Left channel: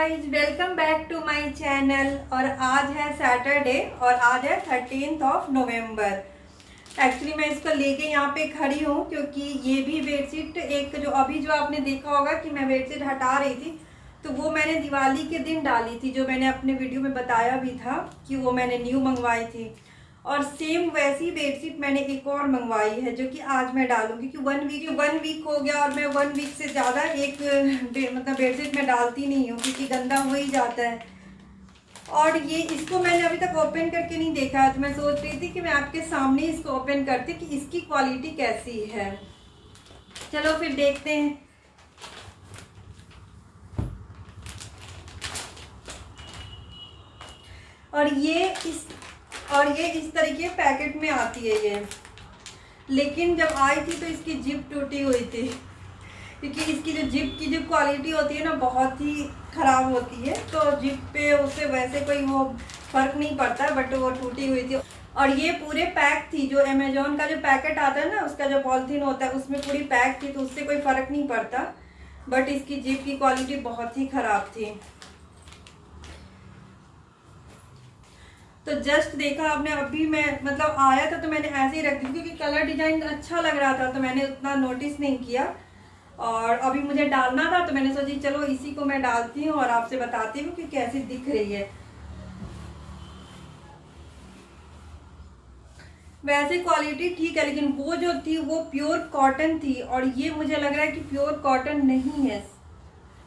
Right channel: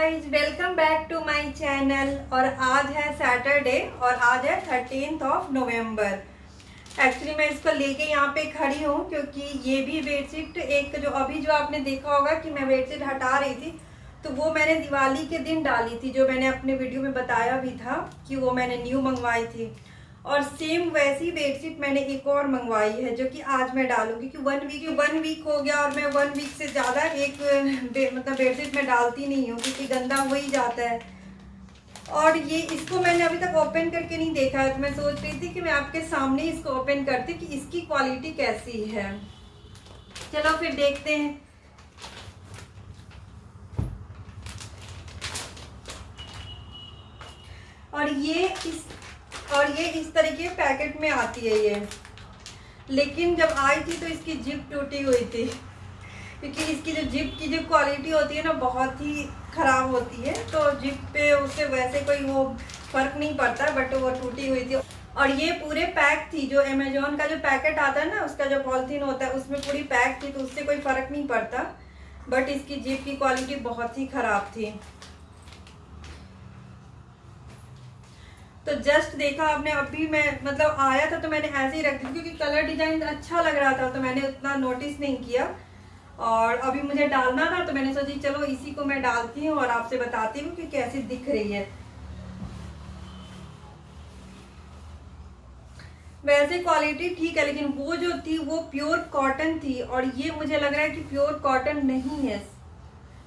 Guys, welcome back to my channel. और आज है सैटरडे और आज है 13 नवंबर। एक्चुअली मैं इसको लेके यहाँ पे खड़ी हूँ क्योंकि ये भी बेडशीट एक जो आपने देखा होगा कि मैं बेडशीट हटा रही थी, तो वो मैंने दिवाली के दिन डाली थी, जो मैंने अपने वीडियो में बताया भी था कि वो मैंने न्यू मंगवाई थी। और सेम वैसी बेडशीट मैंने एक और मंगवाई है जो कि आज मैं डालूंगी, क्योंकि वन वीक हो गया और मैं 1 वीक से ज़्यादा मतलब बेडशीट मैं डालती नहीं हूँ क्योंकि गंदा हो ही जाता है। और ये इसको मैंने अभी तक ओपन करके नहीं देखा है, तो मैं सोच रही थी कि मैं आपके सामने इसको ओपन करती कि इसकी क्वालिटी कैसी है। चलो फिर देखते हैं। और ये इस तरीके पैकेट में आती है ये, लेकिन जब आई थी तो इसकी जिप टूटी हुई थी, क्योंकि इसकी जो जिप की जो क्वालिटी होती है ना बहुत ही ख़राब होती है, तो जिप पे उससे वैसे कोई वो फर्क नहीं पड़ता, बट वो टूटी हुई थी। और ये पूरे पैक थी, जो अमेजोन का जो पैकेट आता है ना, उसका जो पॉलिथीन होता है उसमें पूरी पैक थी, तो उससे कोई फ़र्क नहीं पड़ता, बट इसकी जिप की क्वालिटी बहुत ही ख़राब थी। तो जस्ट देखा आपने, अभी मैं मतलब आया था तो मैंने ऐसे ही रख दी क्योंकि कलर डिजाइन अच्छा लग रहा था, तो मैंने उतना नोटिस नहीं किया। और अभी मुझे डालना था तो मैंने सोची चलो इसी को मैं डालती हूँ और आपसे बताती हूँ कि कैसी दिख रही है। वैसे क्वालिटी ठीक है, लेकिन वो जो थी वो प्योर कॉटन थी, और ये मुझे लग रहा है कि प्योर कॉटन नहीं है।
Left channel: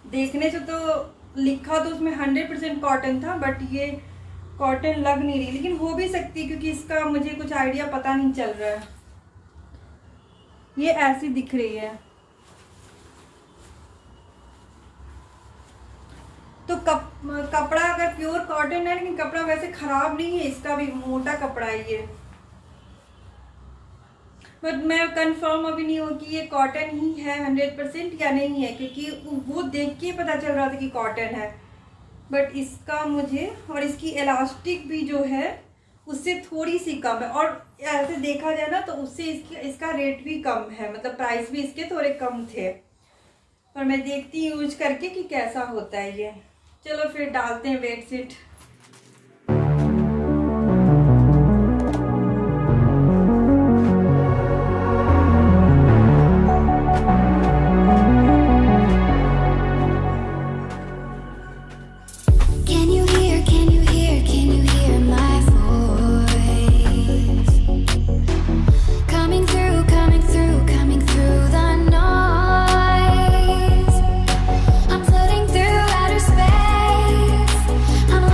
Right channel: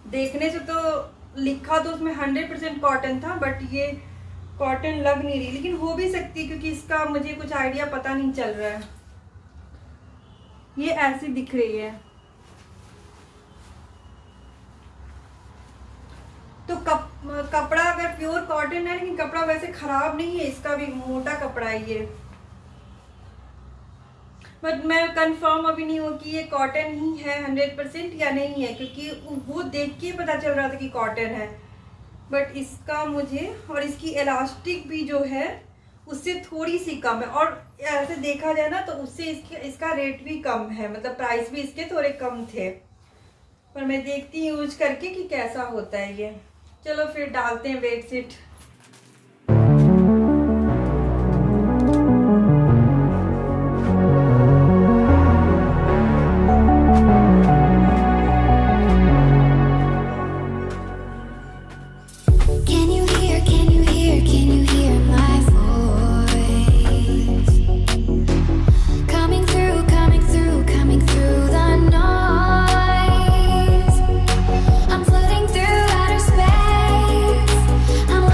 देखने से तो लिखा तो उसमें 100% कॉटन था, बट ये कॉटन लग नहीं रही, लेकिन हो भी सकती क्योंकि इसका मुझे कुछ आइडिया पता नहीं चल रहा है। ये ऐसी दिख रही है। तो कपड़ा अगर प्योर कॉटन है, लेकिन कपड़ा वैसे खराब नहीं है, इसका भी मोटा कपड़ा है ये, बट मैं कंफर्म अभी नहीं हूँ कि ये कॉटन ही है 100% या नहीं है, क्योंकि वो देख के पता चल रहा था कि कॉटन है, बट इसका मुझे, और इसकी इलास्टिक भी जो है उससे थोड़ी सी कम है, और ऐसे देखा जाए ना तो उससे इसका रेट भी कम है, मतलब प्राइस भी इसके थोड़े कम थे। पर मैं देखती हूँ यूज करके कि कैसा होता है ये। चलो फिर डालते हैं बेडशीट। I'm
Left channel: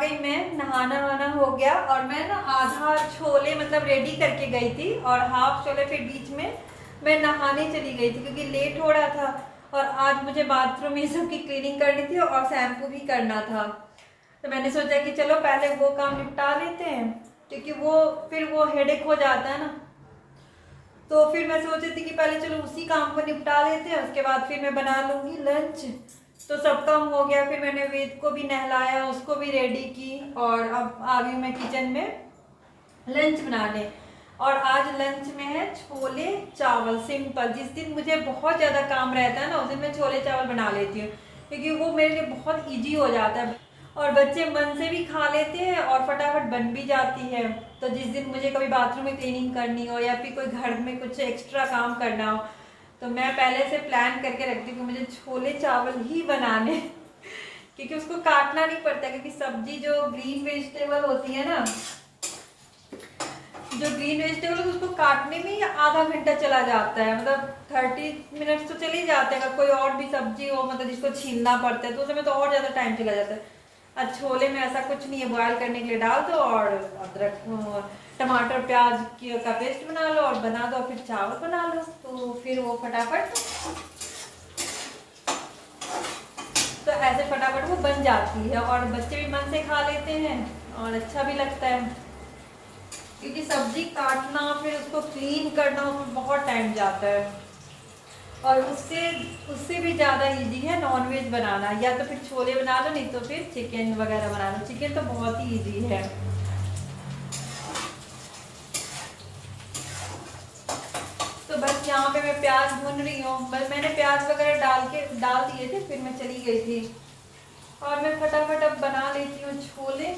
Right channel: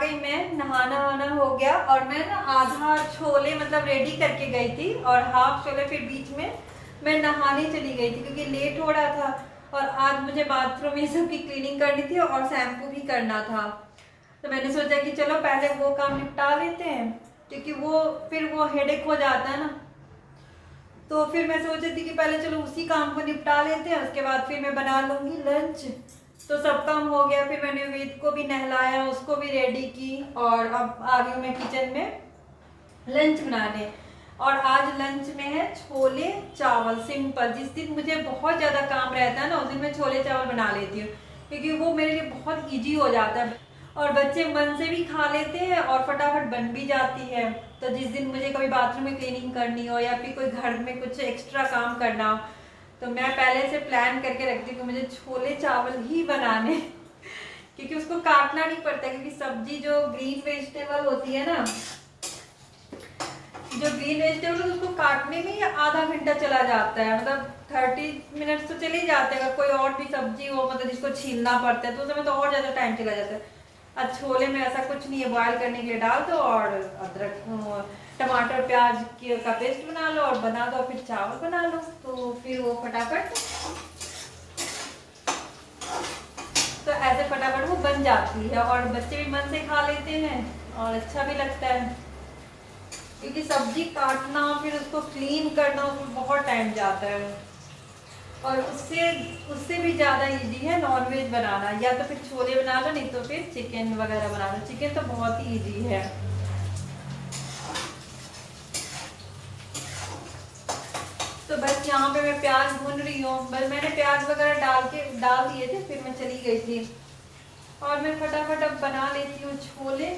गई मैं, नहाना वहाना हो गया और मैं ना आधा छोले मतलब रेडी करके गई थी और हाफ छोले फिर बीच में मैं नहाने चली गई थी क्योंकि लेट हो रहा था और आज मुझे बाथरूम ये सब की क्लीनिंग करनी थी और शैम्पू भी करना था। तो मैंने सोचा कि चलो पहले वो काम निपटा लेते हैं क्योंकि फिर वो हेडेक हो जाता है ना। तो फिर मैं सोच रही थी कि पहले चलो उसी काम को निपटा लेते हैं, उसके बाद फिर मैं बना लूँगी लंच। तो सब काम हो गया, फिर मैंने वेद को भी नहलाया, उसको भी रेडी की और अब आ गई मैं किचन में लंच बनाने। और आज लंच में है छोले चावल सिंपल। जिस दिन मुझे बहुत ज़्यादा काम रहता है ना उस दिन मैं छोले चावल बना लेती हूँ क्योंकि वो मेरे लिए बहुत ईजी हो जाता है और बच्चे मन से भी खा लेते हैं और फटाफट बन भी जाती है। तो जिस दिन मुझे कभी बाथरूम में क्लीनिंग करनी हो या फिर कोई घर में कुछ एक्स्ट्रा काम करना हो तो मैं पहले से प्लान करके रखती हूँ कि मुझे छोले चावल ही बनाने क्योंकि उसको काटना नहीं पड़ता क्योंकि सब्जी जो ग्रीन वेजिटेबल होती है ना, जो ग्रीन वेजिटेबल उसको काटने में ही आधा घंटा चला जाता है, मतलब 30 मिनट तो चले ही जाते हैं। अगर कोई और भी सब्जी हो मतलब जिसको छीलना पड़ता है तो उसमें तो और ज़्यादा टाइम चला जाता है। और छोले में ऐसा कुछ नहीं है, बॉयल करने के लिए डाल दो और अदरक टमाटर प्याज का पेस्ट बना लो और बना दो, फिर चावल बना लो तो फिर वो फटाफट तो ऐसे फटाफट वो बन जाती है और बच्चे भी मन से खा लेते हैं और अच्छा भी लगता है क्योंकि सब्जी काटना फिर उसको क्लीन करना उसमें बहुत टाइम जाता है और उससे भी ज़्यादा इजी है नॉनवेज बनाना। या तो फिर छोले बना लो नहीं तो फिर चिकन वगैरह बना लो, चिकन तो बहुत ही इजी है। तो बस यहाँ पे मैं प्याज भून रही हूँ, बस मैंने प्याज वगैरह डाल दिए थे फिर मैं चली गई थी और मैं फटाफट अब बना लेती हूँ छोले।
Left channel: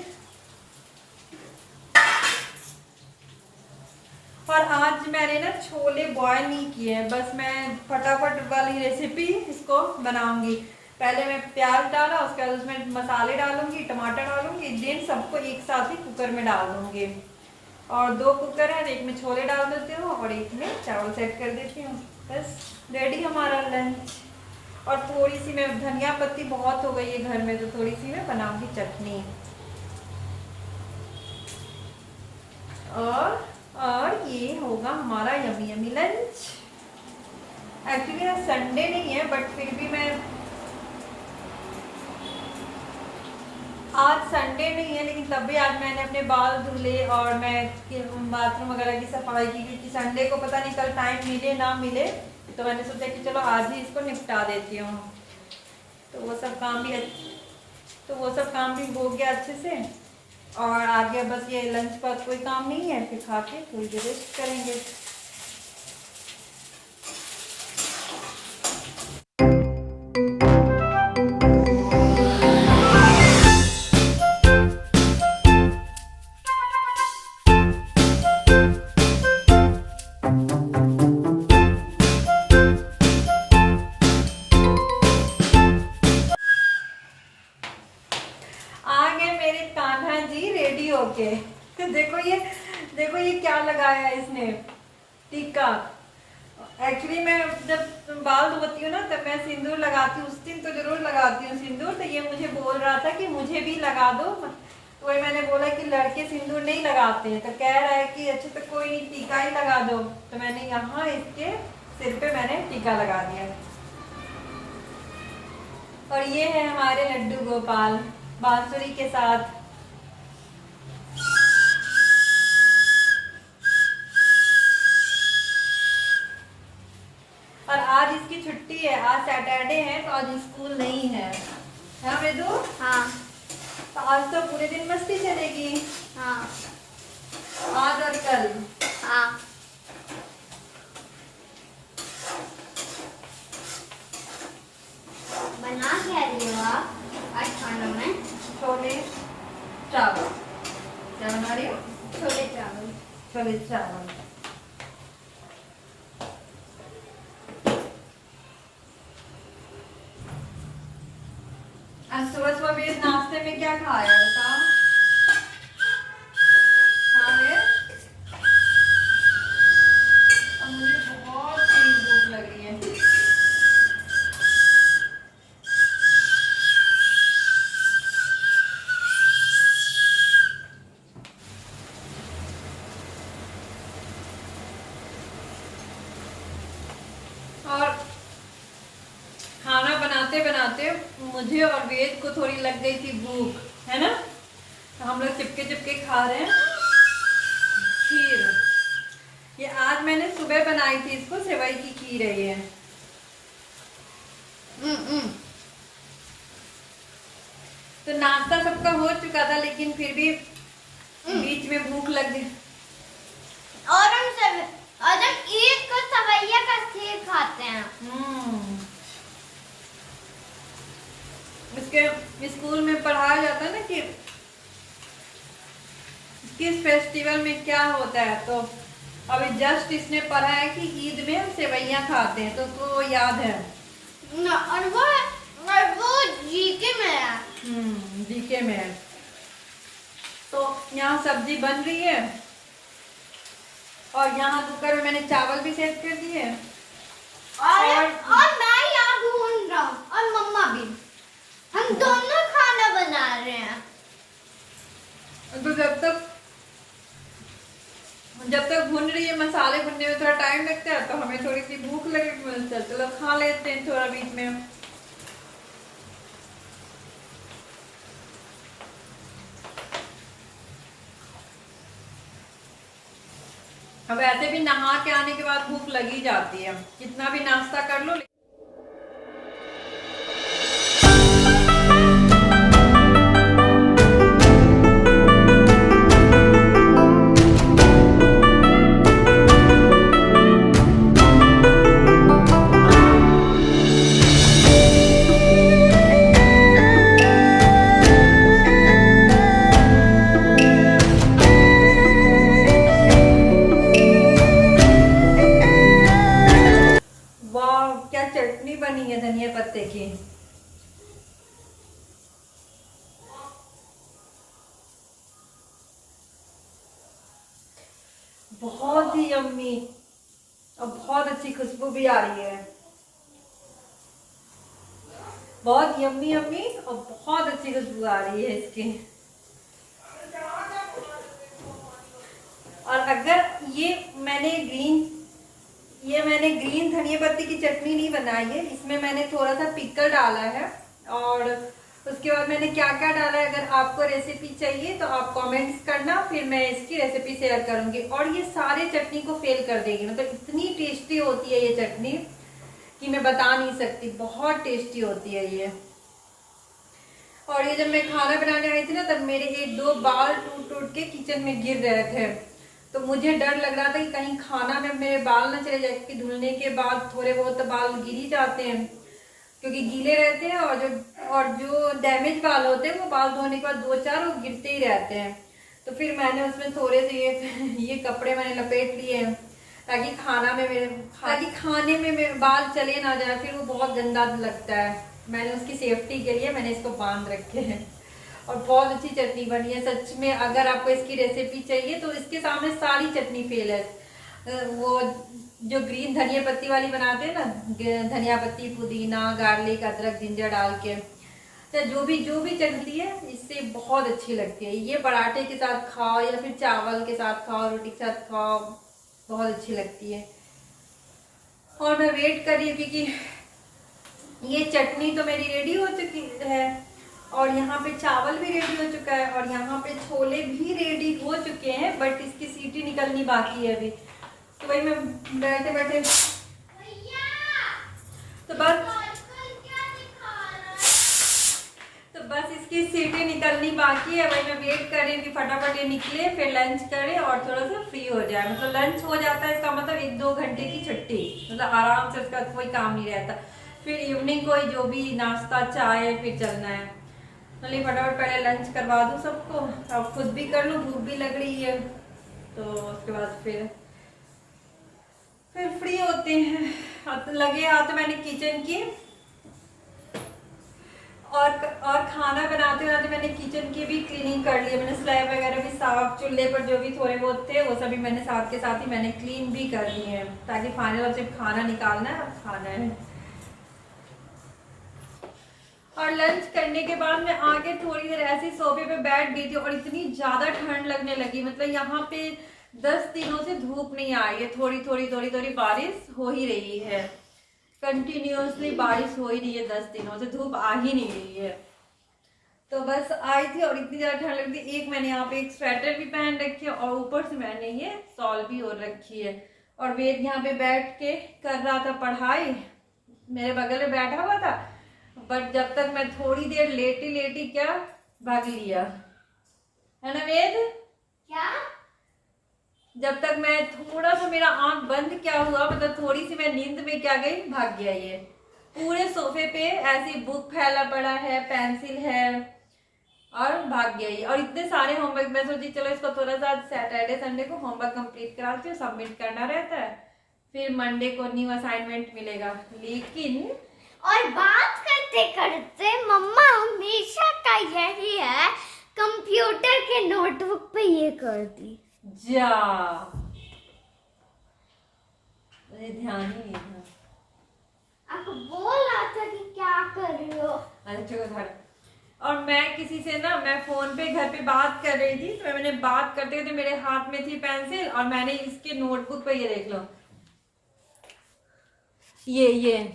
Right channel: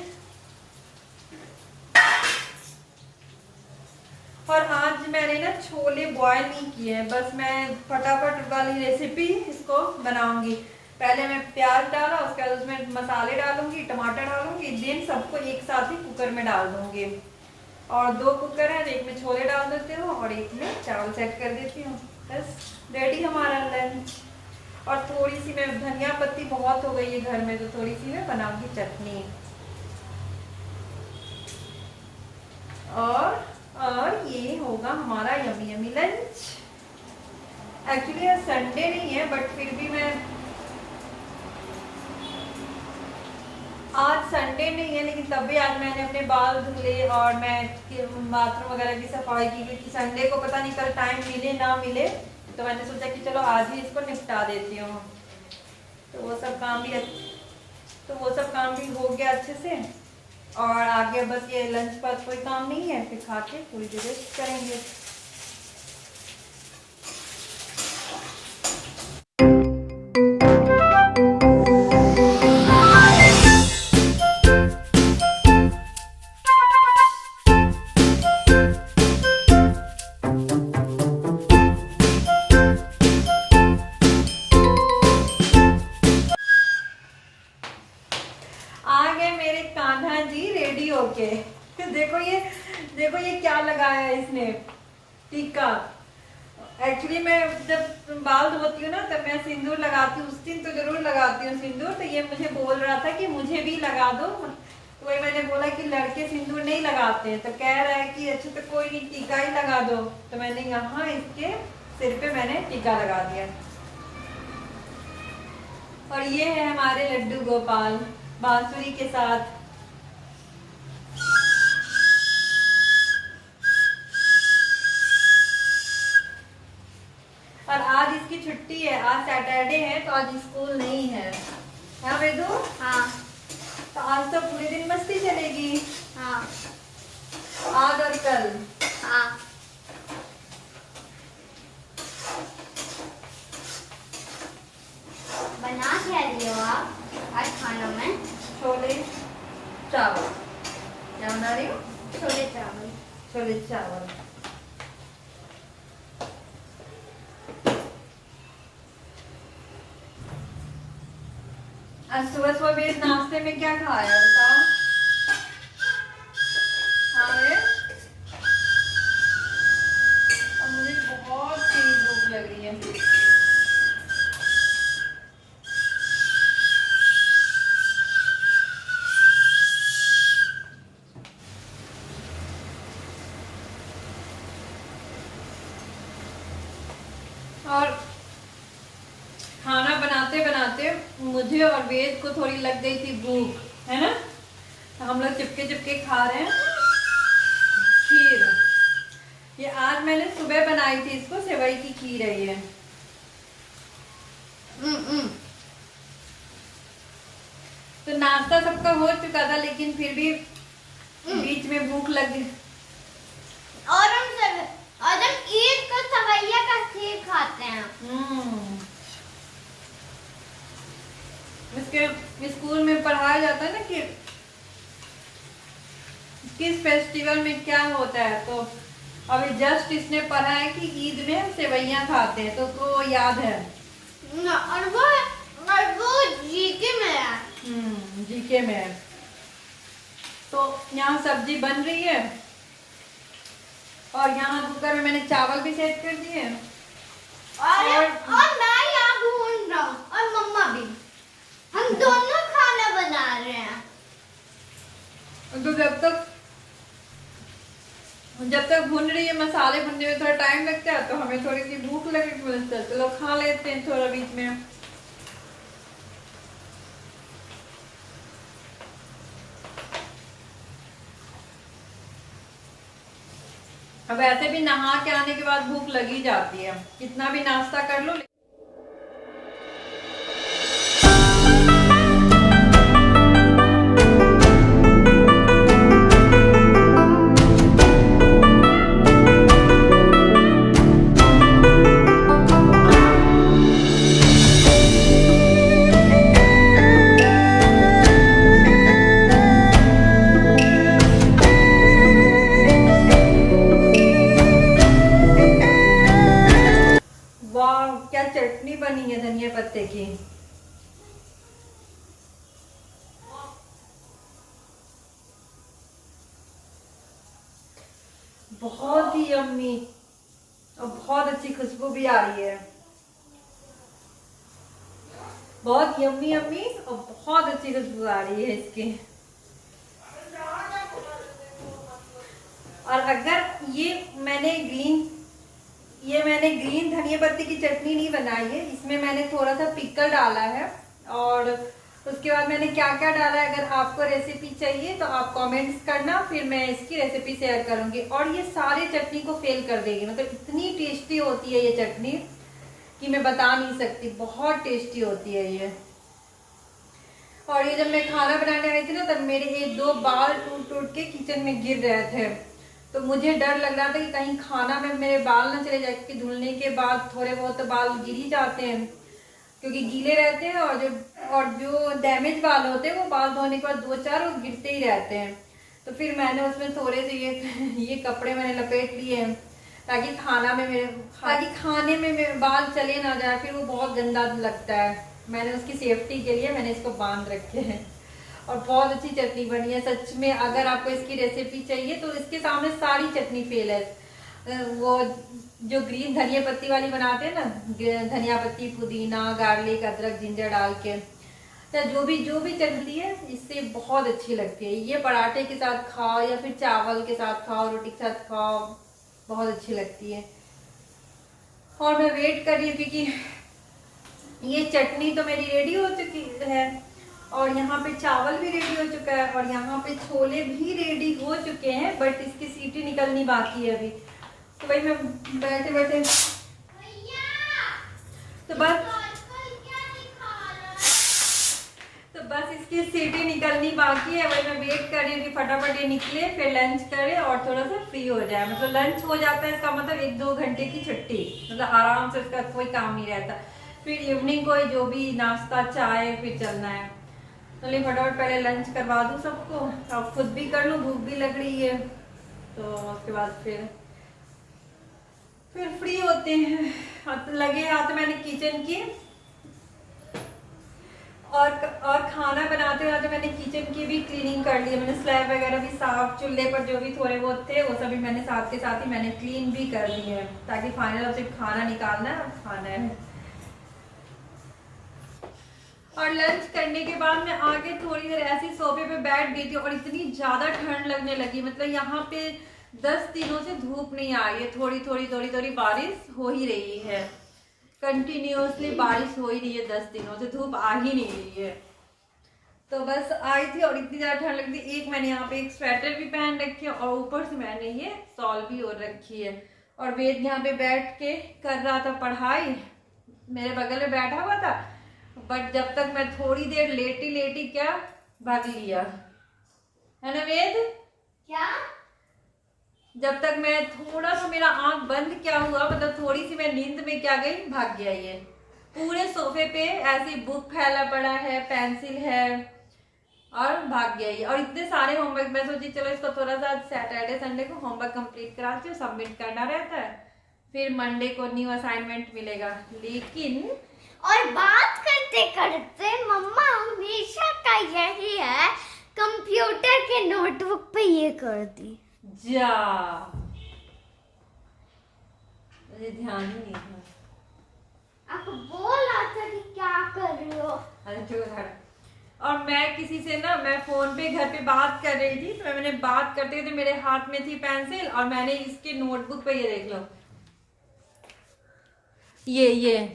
और आज मैंने ना छोले बॉयल नहीं किए हैं, बस मैं फटाफट वाली रेसिपी इसको बनाऊंगी। पहले मैं प्याज डाला, उसके बाद उसमें मसाले डालूंगी, टमाटर डालूंगी, देन सबको एक साथ ही कुकर में डाल दूंगी। और 2 कुकर है, एक में छोले डाल देती हूँ और एक में चावल सेट कर देती हूँ। बस रेडी हमारा लंच। और थोड़ी सी मैं धनिया पत्ती बहुत हो गई है घर में तो थोड़ी सी मैं बनाऊंगी चटनी। और ये होगा हमारा यमी यमी लंच। एक्चुअली आज संडे नहीं है बट फिर भी मैं आज संडे नहीं है लेकिन तब भी आज मैंने अपने बाल धुले और मैं बाथरूम वगैरह की सफाई की क्योंकि संडे को पता नहीं कल टाइम मिले ना मिले तो मैंने सोचा कि चलो आज ही इसको निपटा देती हूँ। तो वो सब काम भी हो गया अच्छे से और आगे बस ये लंच पर कोई काम नहीं है, फिर खा के थोड़ी देर रेस्ट करेंगे। आ गए मेरे कान्हा जी रेडी होके। देखो ये क्या लगाया है इसने, टीका। एक्चुअली मैं जब बाल धोती हूँ ना तब मैं सिंदूर लगाती हूँ, उस दिन तो जरूर लगाती हूँ सिंदूर। तो ये मुझे बोल रहा था कि मुझे भी लगा दो, तो वही मैंने बोला कि लड़के सिंदूर नहीं लगाते हैं। तो कह रहा है कि अच्छा तो कोई नहीं टीका ही लगा दो। तो मैंने यहाँ इसके सिर पे मैंने टीका लगा दिया। और ये है हमारे लड्डू गोपाल बांसुरी के साथ। और आज इसकी छुट्टी है, आज सैटरडे है तो आज स्कूल नहीं है। हाँ वेदू? हाँ। तो आज तो पूरे दिन मस्ती चलेगी। हाँ। आज और कल। हाँ। बना क्या रही हो आप आज खाना में? छोले चावल। क्या बना रही हो? छोले चावल। छोले चावल। आज सुबह सुबह वेद नाश्ते में क्या खाया बताओ? हाँ वेद? और मुझे बहुत तेज भूख लग रही है। बनाते बनाते मुझे और वेद को थोड़ी लग गई थी भूख, है ना। तो हम लोग चिपके चिपके खा रहे हैं खीर। ये आज मैंने सुबह बनाई थी, इसको सेवई की खीर है ये। तो नाश्ता सबका हो चुका था, लेकिन फिर भी बीच में भूख लग गई। और हम ईद को सवैया का खीर खाते हैं। इसके स्कूल में पढ़ाया जाता है ना कि किस फेस्टिवल में क्या होता है, तो अभी जस्ट इसने पढ़ा है कि ईद में हम सेवैयां खाते हैं, तो उसको याद है। और वो जीके में है। जीके में है। तो यहाँ सब्जी बन रही है और यहाँ कुकर में मैंने चावल भी सेट कर दिए और मैं यहाँ ढूंढ रहा हूँ और मम्मा भी, हम दोनों खाना बना रहे हैं। तो जब तक भून रही है, मसाले भुनने में थोड़ा टाइम लगता है, तो हमें थोड़ी सी भूख लगी, चलो खा लेते हैं थोड़ा बीच में। अब ऐसे भी नहा के आने के बाद भूख लगी जाती है, कितना भी नाश्ता कर लो। क्या चटनी बनी है धनिया पत्ते की। बहुत ही यम्मी और बहुत अच्छी खुशबू भी आ रही है। बहुत यम्मी यम्मी और बहुत अच्छी खुशबू आ रही है इसकी। और अगर ये मैंने ग्रीन धनिया पत्ती की चटनी नहीं बनाई है, इसमें मैंने थोड़ा सा पिकल डाला है और उसके बाद मैंने क्या क्या डाला है, अगर आपको रेसिपी चाहिए तो आप कमेंट्स करना, फिर मैं इसकी रेसिपी शेयर करूंगी। और ये सारे चटनी को फेल कर देगी, मतलब इतनी टेस्टी होती है ये चटनी कि मैं बता नहीं सकती, बहुत टेस्टी होती है ये। और ये जब मैं खाना बनाने आई थी ना, तब मेरे 1-2 बाल टूट के किचन में गिर रहे थे, तो मुझे डर लग रहा था कि कहीं खाना में मेरे बाल ना चले जाए, क्योंकि धुलने के बाद थोड़े बहुत तो बाल गिर ही जाते हैं, क्योंकि गीले रहते हैं। और जो डैमेज बाल होते हैं वो बाल धोने के बाद 2-4 वो गिरते ही रहते हैं। तो फिर मैंने उसमें थोड़े से ये कपड़े मैंने लपेट लिए हैं, ताकि खाने में मेरे बाल चले ना जाए, फिर वो बहुत गंदा लगता है। मैंने उसकी सेफ्टी के लिए मैंने इसको बांध रखे हैं। और बहुत अच्छी चटनी बनी है सच में। अगर आपको इसकी रेसिपी चाहिए तो इसके सामने सारी चटनी फेल है। वो जो ग्रीन धनिया पत्ती वाली बनाते हैं ना, धनिया पत्ती, पुदीना, गार्लिक, अदरक, जिंजर डाल के, तो जो भी चटनी है इससे बहुत अच्छी लगती है। ये पराठे के साथ खाओ या फिर चावल के साथ खाओ, रोटी के साथ खाओ, बहुत अच्छी लगती है। और मैं वेट कर रही हूँ क्योंकि ये चटनी तो मेरी रेडी हो चुकी है और यहाँ पे चावल भी रेडी हो चुका है और यहाँ पे छोले भी रेडी हो चुके हैं, बट इसकी सीटी निकलनी बाकी है अभी। तो वही मैं बैठे बैठे तो बस इसकी सीटी निकलनी बाकी है, वही मैं वेट कर रही हूँ कि फटाफट ये निकले, फिर लंच करे और थोड़ा सा फ्री हो जाए। मतलब लंच हो जाता है, इसका मतलब 1-2 घंटे की छुट्टी, मतलब आराम से उसका कोई काम नहीं रहता। फिर इवनिंग को जो भी नाश्ता चाय फिर चलना है। चलिए फटाफट पहले लंच करवा दूँ सबको, अब खुद भी कर लूँ, भूख भी लग रही है, तो उसके बाद फिर फ्री होते हैं। लगे हाथ तो मैंने किचन की और खाना बनाते बनाते मैंने किचन की भी क्लीनिंग कर ली है। मैंने स्लैब वगैरह भी साफ, चूल्हे पर जो भी थोड़े बहुत थे वो सभी मैंने साथ के साथ ही मैंने क्लीन भी कर लिए हैं, ताकि फाइनल अब सिर्फ खाना निकालना है और खाना है। और लंच करने के बाद मैं आके थोड़ी देर ऐसी सोफे पे बैठ गई थी और इतनी ज्यादा ठंड लगने लगी। मतलब यहाँ पे 10 दिनों से धूप नहीं आई है, थोड़ी थोड़ी बारिश हो ही रही है। कंटिन्यूअसली बारिश हो ही रही है, 10 दिनों से धूप आ ही नहीं रही है। तो बस आई थी और इतनी ज़्यादा ठंड लगती। एक मैंने यहाँ पे एक स्वेटर भी पहन रखी है और ऊपर से मैंने ये शॉल भी ओढ़ रखी है। और वेद यहाँ पे बैठ के कर रहा था पढ़ाई, मेरे बगल में बैठा हुआ था। बट जब तक मैं थोड़ी देर लेटी लेटी क्या भाग लिया, है ना वेद? क्या? जब तक मैं थोड़ा सा मेरा आंख बंद क्या हुआ, मतलब थोड़ी सी मैं नींद में क्या गई, भाग गया ये। पूरे सोफे पे ऐसी बुक फैला पड़ा है, पेंसिल है और भाग गया ये। और इतने सारे होमवर्क, मैं सोची चलो इसको थोड़ा सा सैटरडे संडे को होमवर्क कंप्लीट कराती हूँ, सबमिट करना रहता है, फिर मंडे को न्यू असाइनमेंट मिलेगा। लेकिन और बात करते करते मम्मा हमेशा का यही है, कंप्यूटर के नोटबुक पे ये कर दी। जा मुझे ध्यान ही नहीं था। आपको बोल रहा था कि क्या कर रहे हो। अच्छा, और मैं किसी से ना, मैं फोन पे घर पे बात कर रही थी, तो मैंने बात करते हुए मेरे हाथ में थी पेंसिल और मैंने इसके नोटबुक पे, ये देख लो, ये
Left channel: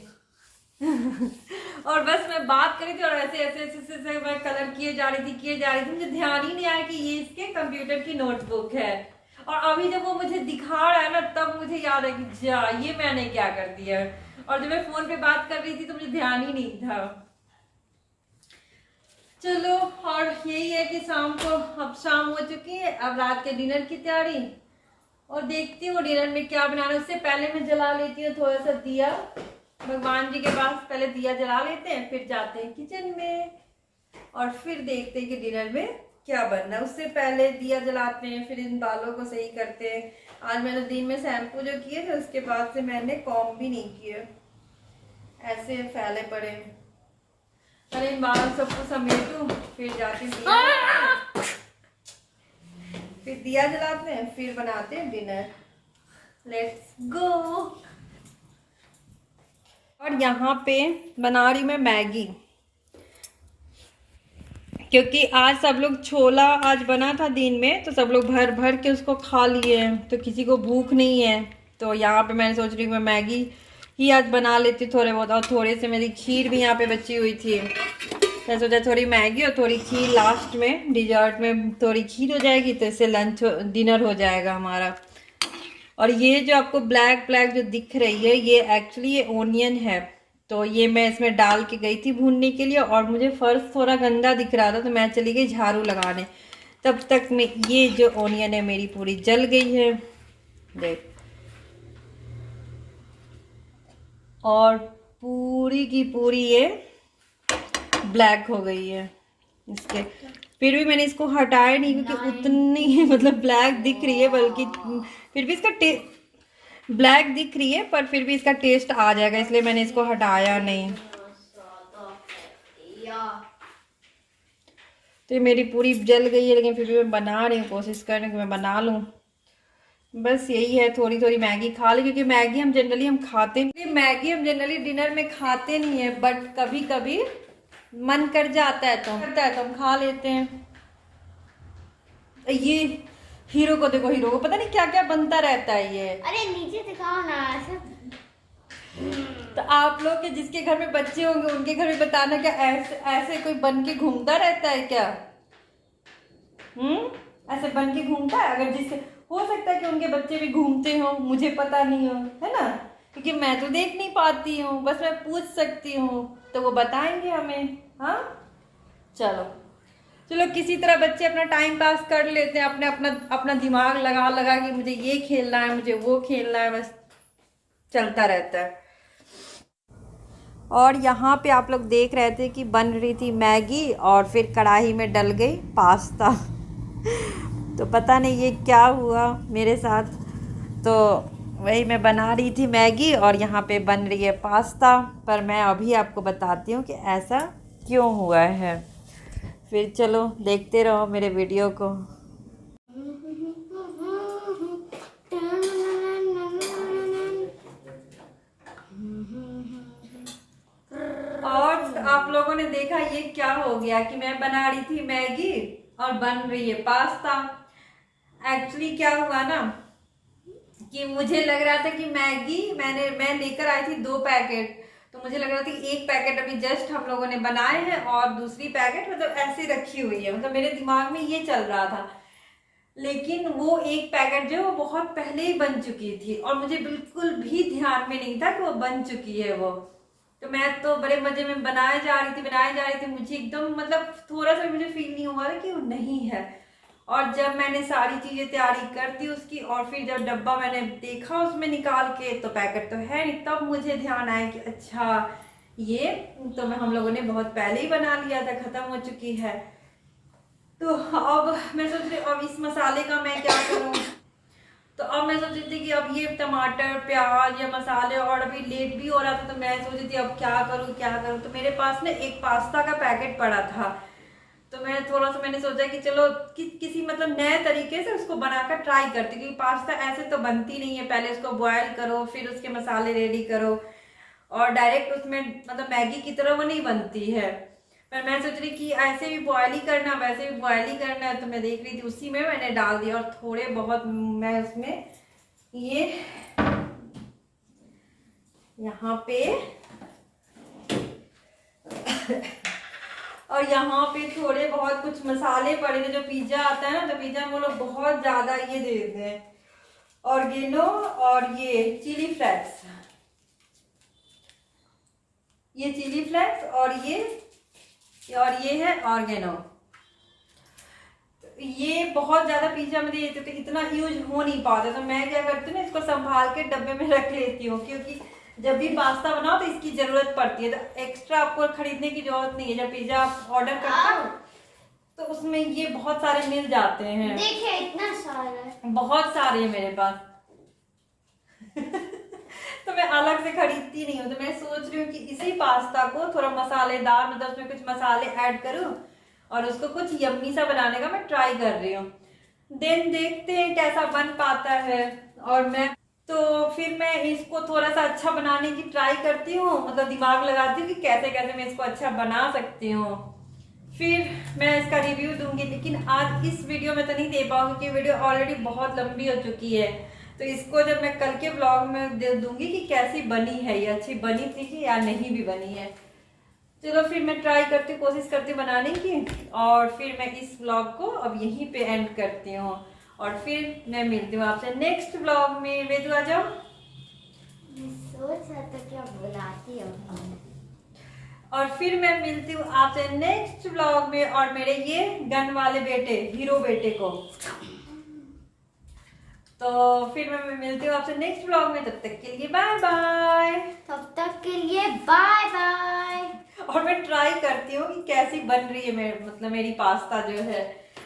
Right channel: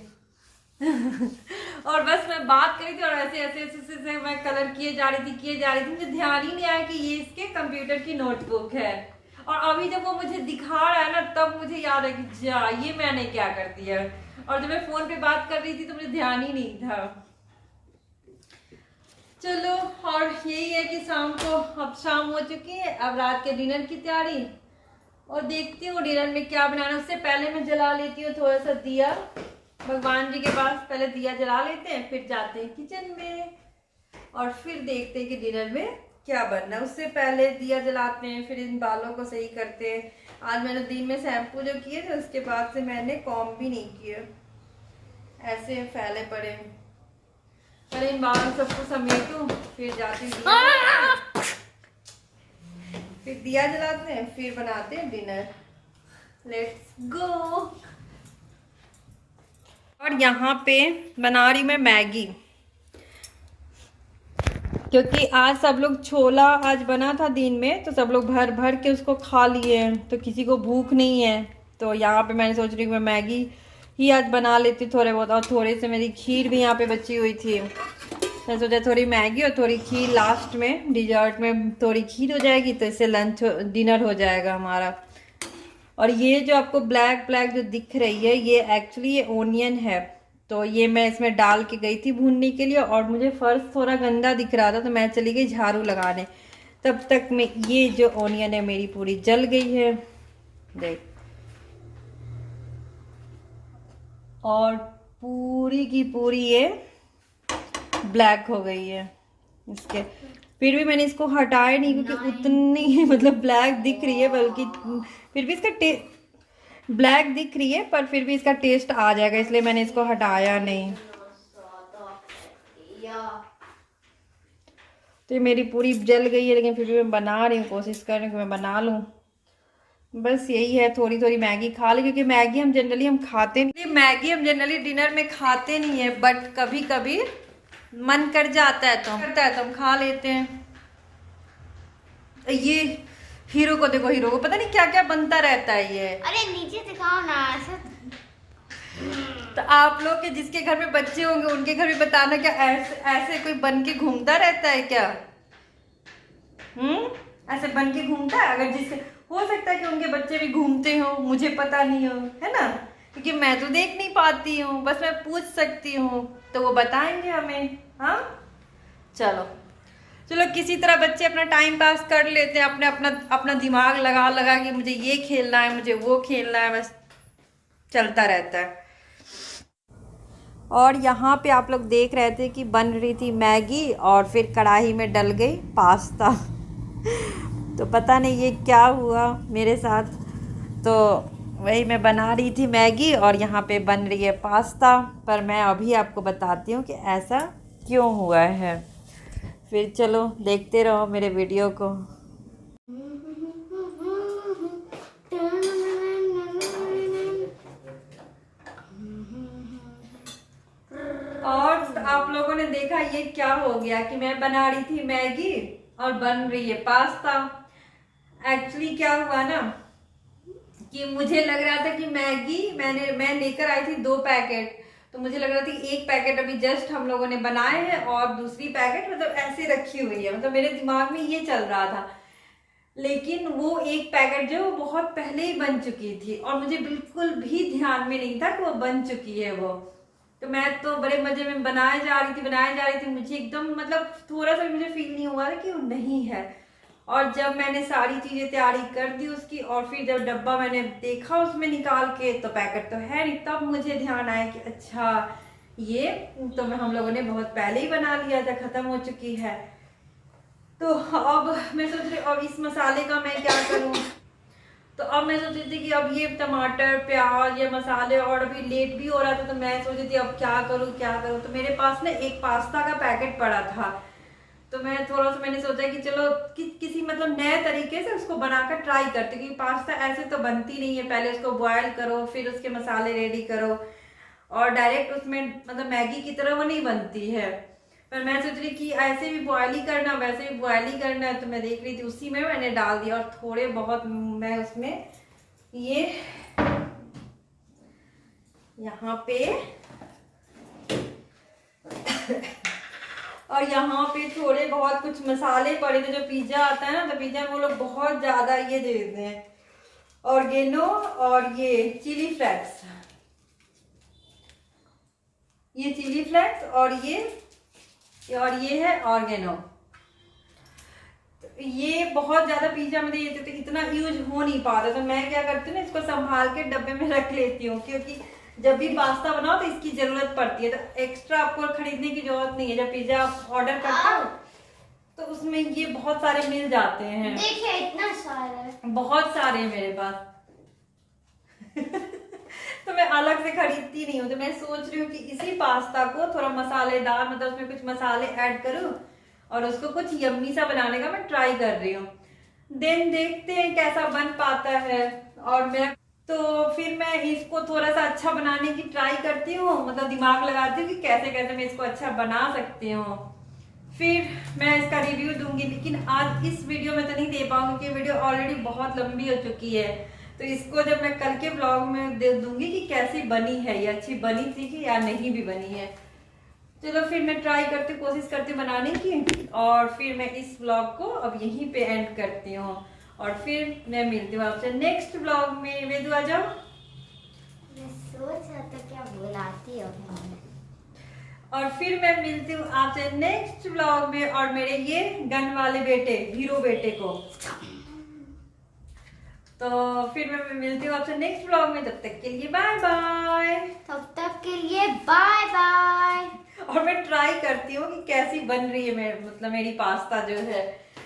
और बस मैं बात करी थी और ऐसे ऐसे ऐसे ऐसे मैं कलर किए जा रही थी, मुझे ध्यान ही नहीं आया कि ये इसके कंप्यूटर की नोटबुक है। और अभी जब वो मुझे दिखा रहा है ना, तब मुझे याद है कि जा ये मैंने क्या कर दिया। और जब मैं फोन पे बात कर रही थी तो मुझे ध्यान ही नहीं था। चलो, और यही है कि शाम को, अब शाम हो चुकी है, अब रात के डिनर की तैयारी, और देखती हूँ डिनर में क्या बनाना। उससे पहले मैं जला लेती हूँ थोड़ा सा दिया भगवान जी के पास, पहले दिया जला लेते हैं, फिर जाते हैं किचन में और फिर देखते हैं कि डिनर में क्या बनना है। उससे पहले दिया जलाते हैं, फिर इन बालों को सही करते हैं। आज मैंने दिन में शैम्पू जो किए थे, उसके बाद से मैंने कॉम्ब भी नहीं किए, ऐसे फैले पड़े। पहले इन बालों सबको समेटूं, फिर जाती हूँ फिर दिया जलाते हैं, फिर बनाते हैं डिनर। Let's go. और यहाँ पे बना रही मैं मैगी, क्योंकि आज सब लोग छोला आज बना था दिन में, तो सब लोग भर भर के उसको खा लिए हैं, तो किसी को भूख नहीं है। तो यहाँ पे मैंने सोच रही हूँ मैं मैगी ही आज बना लेती थोड़े बहुत, और थोड़े से मेरी खीर भी यहाँ पे बची हुई थी। मैं सोचा थोड़ी मैगी और थोड़ी खीर, लास्ट में डिजर्ट में थोड़ी खीर हो जाएगी, तो इससे लंच डिनर हो जाएगा हमारा। और ये जो आपको ब्लैक ब्लैक जो दिख रही है, ये एक्चुअली ये ओनियन है। तो ये मैं इसमें डाल के गई थी भूनने के लिए, और मुझे फर्श थोड़ा गंदा दिख रहा था, तो मैं चली गई झाड़ू लगाने। तब तक में ये जो ओनियन है मेरी पूरी जल गई है, देख, और पूरी की पूरी ये ब्लैक हो गई है इसके। फिर भी मैंने इसको हटाया नहीं, क्योंकि उतनी मतलब ब्लैक दिख रही है, बल्कि फिर भी इसका ब्लैक दिख रही है, पर फिर भी इसका टेस्ट आ जाएगा, इसलिए मैंने इसको हटाया नहीं। तो ये मेरी पूरी जल गई है, लेकिन फिर भी मैं बना रही हूँ, कोशिश कर रही हूँ कि मैं बना लूँ। बस यही है, थोड़ी थोड़ी मैगी खा ली, क्योंकि मैगी हम जनरली डिनर में खाते नहीं है, बट कभी कभी मन कर जाता है तो हम खा लेते हैं। ये हीरो को देखो, हीरो को पता नहीं क्या क्या बनता रहता है ये। अरे नीचे दिखाओ ना ऐसे। तो आप लोग के जिसके घर में बच्चे होंगे, उनके घर में बताना, क्या ऐसे कोई बन के घूमता रहता है क्या? ऐसे बन के घूमता है? अगर जिसके, हो सकता है कि उनके बच्चे भी घूमते हो, मुझे पता नहीं हो, है ना, क्योंकि मैं तो देख नहीं पाती हूँ, बस मैं पूछ सकती हूँ, तो वो बताएंगे हमें। हाँ, चलो किसी तरह बच्चे अपना टाइम पास कर लेते हैं, अपना दिमाग लगा लगा कि मुझे ये खेलना है, मुझे वो खेलना है, बस चलता रहता है। और यहाँ पे आप लोग देख रहे थे कि बन रही थी मैगी, और फिर कढ़ाई में डल गई पास्ता। तो पता नहीं ये क्या हुआ मेरे साथ, तो वही मैं बना रही थी मैगी, और यहाँ पे बन रही है पास्ता। पर मैं अभी आपको बताती हूँ कि ऐसा क्यों हुआ है। फिर चलो देखते रहो मेरे वीडियो को। और आप लोगों ने देखा ये क्या हो गया कि मैं बना रही थी मैगी और बन रही है पास्ता। एक्चुअली क्या हुआ ना कि मुझे लग रहा था कि मैगी मैं लेकर आई थी 2 पैकेट, तो मुझे लग रहा था कि एक पैकेट अभी जस्ट हम लोगों ने बनाए हैं और दूसरी पैकेट मतलब ऐसे रखी हुई है, मतलब मेरे दिमाग में ये चल रहा था। लेकिन वो एक पैकेट जो वो बहुत पहले ही बन चुकी थी और मुझे बिल्कुल भी ध्यान में नहीं था कि वो बन चुकी है वो। तो मैं तो बड़े मजे में बनाए जा रही थी, मुझे एकदम मतलब थोड़ा सा भी मुझे फील नहीं हुआ था कि वो नहीं है। और जब मैंने सारी चीजें तैयारी कर दी उसकी और फिर जब डब्बा मैंने देखा उसमें निकाल के तो पैकेट तो है नहीं, तब मुझे ध्यान आया कि अच्छा ये तो हम लोगों ने बहुत पहले ही बना लिया था, खत्म हो चुकी है। तो अब मैं सोच रही अब इस मसाले का मैं क्या करूं। तो अब मैं सोच रही थी कि अब ये टमाटर प्याज या मसाले और अभी लेट भी हो रहा था, तो मैं सोच रही थी अब क्या करूं। तो मेरे पास ना एक पास्ता का पैकेट पड़ा था, तो मैं थोड़ा सा मैंने सोचा कि चलो किसी मतलब नए तरीके से उसको बनाकर ट्राई करती, क्योंकि पास्ता ऐसे तो बनती नहीं है, पहले उसको बॉयल करो फिर उसके मसाले रेडी करो और डायरेक्ट उसमें मतलब मैगी की तरह वो नहीं बनती है। पर मैं सोच रही कि ऐसे भी बॉयल ही करना वैसे भी बॉयल ही करना है, तो मैं देख रही थी उसी में मैंने डाल दिया और थोड़े बहुत मैं उसमें ये यहाँ पे और यहाँ पे थोड़े बहुत कुछ मसाले पड़े थे, जो पिज्जा आता है ना तो पिज्जा में वो लोग बहुत ज्यादा ये दे देते हैं ऑर्गेनो और ये चिली फ्लेक्स, ये चिली फ्लेक्स और ये है ऑर्गेनो। ये बहुत ज्यादा पिज्जा में देते थे, इतना यूज हो नहीं पाता, तो मैं क्या करती हूँ ना इसको संभाल के डब्बे में रख लेती हूँ, क्योंकि जब भी पास्ता बनाओ तो इसकी जरूरत पड़ती है, तो एक्स्ट्रा आपको खरीदने की जरूरत नहीं है। जब पिज्जा आप ऑर्डर करते हो तो उसमें ये बहुत सारे मिल जाते हैं। देखिए इतना सारा है, बहुत सारे हैं मेरे पास तो मैं अलग से खरीदती नहीं हूँ। तो मैं सोच रही हूँ कि इसी पास्ता को थोड़ा मसालेदार मतलब उसमें कुछ मसाले ऐड करूँ और उसको कुछ यम्मी सा बनाने का मैं ट्राई कर रही हूँ। देन देखते हैं कैसा बन पाता है। और मैं तो फिर मैं इसको थोड़ा सा अच्छा बनाने की ट्राई करती हूँ, मतलब दिमाग लगाती हूँ कि कैसे कैसे मैं इसको अच्छा बना सकती हूँ, फिर मैं इसका रिव्यू दूंगी। लेकिन आज इस वीडियो में तो नहीं दे पाऊंगी क्योंकि वीडियो ऑलरेडी बहुत लंबी हो चुकी है। तो इसको जब मैं कल के ब्लॉग में दे दूंगी कि कैसी बनी है, ये अच्छी बनी थी कि या नहीं भी बनी है। चलो फिर मैं ट्राई करती कोशिश करती बनाने की और फिर मैं इस ब्लॉग को अब यहीं पे एंड करती हूँ और फिर मैं मिलती हूँ आपसे नेक्स्ट ब्लॉग में। वेदू आ जाओ। मैं सोच रहा था क्या बुलाती हूँ और फिर मैं मिलती हूँ आपसे नेक्स्ट ब्लॉग में और मेरे ये गन वाले बेटे हीरो बेटे को। तो फिर मैं मिलती हूँ आपसे नेक्स्ट ब्लॉग में, तब तक के लिए बाय बाय। तब तक के लिए बाय बाय। और मैं ट्राई करती हूँ कि कैसी बन रही है मतलब मेरी पास्ता जो है,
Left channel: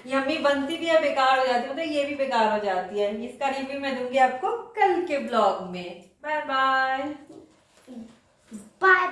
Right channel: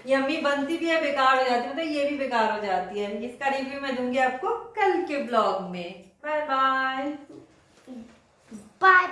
यम्मी बनती भी है बेकार हो जाती है, मतलब ये भी बेकार हो जाती है। इसका रिव्यू मैं दूंगी आपको कल के ब्लॉग में। Bye bye. बाय।